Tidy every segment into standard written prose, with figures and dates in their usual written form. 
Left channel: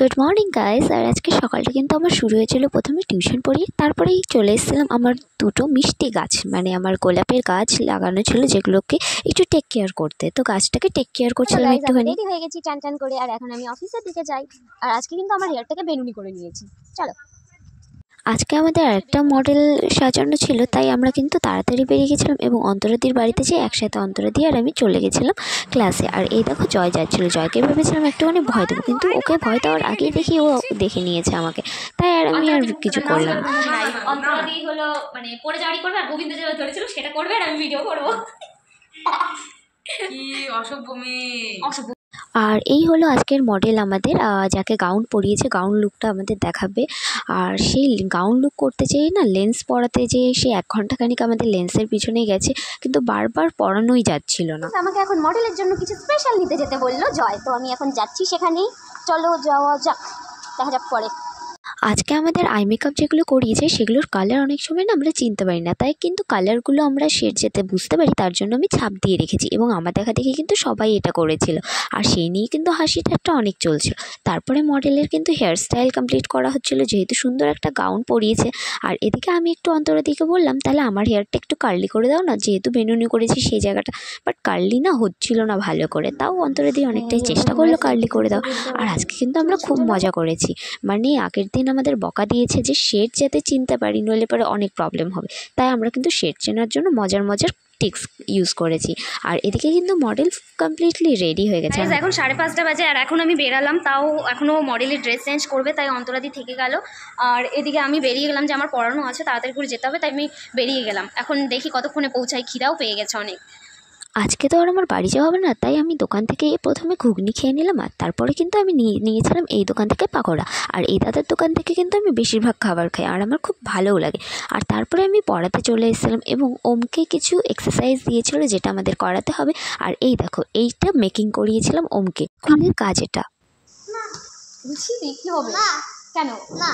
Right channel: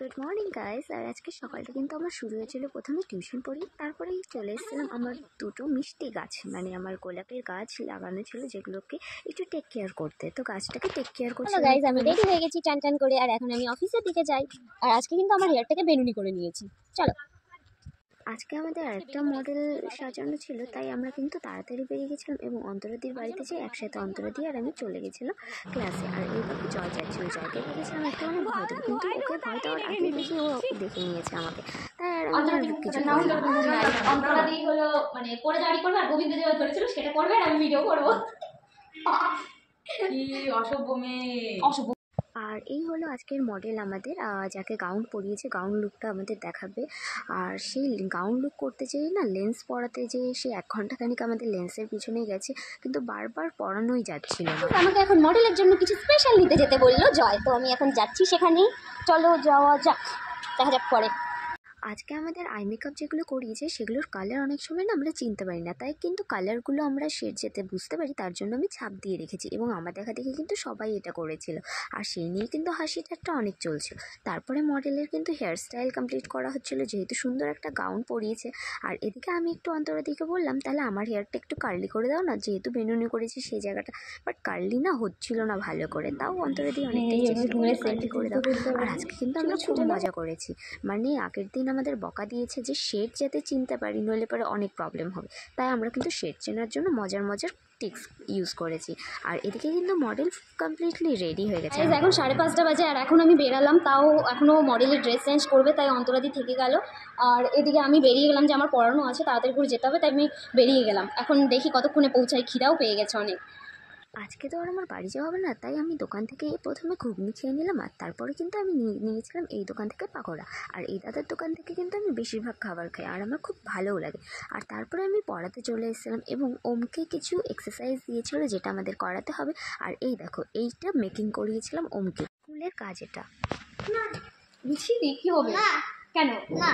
Good morning guys. আর আজকে সকালটা কিন্তু আমার শুরু হয়েছিল প্রথমে টিউশন পড়িয়ে, তারপরেই চলে এসেছিলাম আমার দুটো মিষ্টি গাছ, মানে আমার গোলাপের গাছ লাগানো ছিল যেগুলোকে একটু টেক কেয়ার করতে। তো গাছটাকে টেক কেয়ার করছিলাম একটুখানি। রেডি হয়ে গেছি টান টান করে, আর এখন আমি অফিসের দিকে যাই। আর আজকে কিন্তু আমার হেয়ারটাকে বেনুনি করে নিয়েছি। চলো, আজকে আমাদের আরেকটা মডেল সাজানো ছিল, তাই আমরা কিন্তু তাড়াতাড়ি বেরিয়ে গেছিলাম এবং অন্তরাদির বাড়িতে যেয়ে একসাথে অন্তরাদি আর আমি চলে গেছিলাম ক্লাসে। আর এই দেখো জয় যাচ্ছিল, জয়কে ভেবেছিলাম একটুখানি ভয় দেবো, কিন্তু ওকে ভয় দেওয়ার আগেই দেখি ও দেখে নিয়েছে আমাকে, তাই আর আমি আর কিছু করলাম। অন্তরাদি হলো মানে পড়ে জারি করবে, আর গোবিন্দ যেটা ধরেছিল সেটা করবে, আর আমি ভিডিও করবো। কি অসভ্য মেয়ে, অসভ্য। আর এই হলো আজকের মডেল আমাদের, যাকে গাউন পরিয়েছে, গাউন লুকটা আমাদের দেখাবে। আর সেই গাউন লুক করতে যেয়ে না লেন্স পরাতে যেয়ে সে 1 ঘন্টাখানিক আমাদের লেন্সের পিছনেই গেছে, কিন্তু বারবার পরানোই যাচ্ছিল না। আমাকে এখন মডেলের জন্য কিছু স্পেশাল নিতে যেতে বললো জয়, তো আমি এখন যাচ্ছি সেখানেই। চলো যাওয়া যাক, দেখা যাক পরে। আজকে আমাদের আই মেকআপ যেগুলো করিয়েছে সেগুলোর কালার অনেক সময় না আমরা চিনতে পারি না, তাই কিন্তু কালারগুলো আমরা শেড যেতে বুঝতে পারি, তার জন্য আমি ছাপ দিয়ে রেখেছি এবং আমার দেখা দেখি কিন্তু সবাই এটা করেছিল। আর সেই নিয়ে কিন্তু হাসি ঠাট্টা অনেক চলছিল। তারপরে মডেলের কিন্তু হেয়ার স্টাইল কমপ্লিট করা হচ্ছিলো, যেহেতু সুন্দর একটা গাউন পরিয়েছে। আর এদিকে আমি একটু অন্তরাদিকে বললাম তাহলে আমার হেয়ারটা একটু কার্লি করে দাও না, যেহেতু বেনুনি করেছি সেই জায়গাটা, বাট কার্লি না হচ্ছিল না ভালো করে, তাও অন্তরাদি অনেকটাই চেষ্টা করলো কার্লি করে দাও। আর আজকে কিন্তু আমরা খুব মজা করেছি, মানে আগের দিন আমাদের বকা দিয়েছে যে শেড যাতে চিনতে পারি, নইলে পরে অনেক প্রবলেম হবে, তাই আমরা কিন্তু শেড চেনার জন্য মজার মজার টিক্স ইউজ করেছি। আর এদিকে কিন্তু মডেল কমপ্লিটলি রেডি হয়ে গেছে। এখন 5:30 বাজে, আর এখন আমি বেরালাম, তাও এখনও মডেলের ড্রেস চেঞ্জ করবে, তাই অন্তরাদি থেকে গেল। আর এদিকে আমি বেরিয়ে গেলাম, যে আমার পড়ানো আছে, তাড়াতাড়ি করে যেতে হবে, তাই আমি বেরিয়ে গেলাম। এখন দেখি কতক্ষণে পৌঁছাই, খিদাও পেয়ে গেছে অনেক। আজকে তো আর আমার বাড়ি যাওয়া হবে না, তাই আমি দোকান থেকে প্রথমে ঘুগনি খেয়ে নিলাম, আর তারপরে কিন্তু আমি নিয়েছিলাম এই দোকান থেকে পাকোড়া। আর এই দাদার দোকান থেকে কিন্তু আমি বেশিরভাগ খাবার খাই, আর আমার খুব ভালোও লাগে। আর তারপরে আমি পড়াতে চলে এসেছিলাম এবং ওমকে কিছু এক্সারসাইজ দিয়েছিল যেটা আমাদের করাতে হবে। আর এই দেখো এইটা মেকিং করিয়েছিলাম ওমকে, স্কুলের কাজ এটা। বুঝিনি কি হবে কেন না।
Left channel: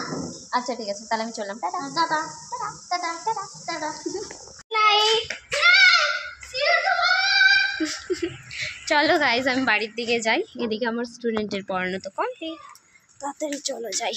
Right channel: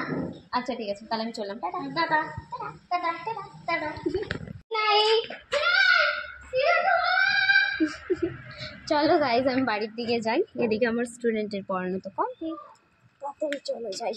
আচ্ছা ঠিক আছে, তাহলে আমি চললাম। Tata tata tata tata tata. চলো গাইজ, আমি বাড়ির দিকে যাই। এদিকে আমার স্টুডেন্টের পড়ানো তো কমপ্লিট, তাড়াতাড়ি চলো যাই।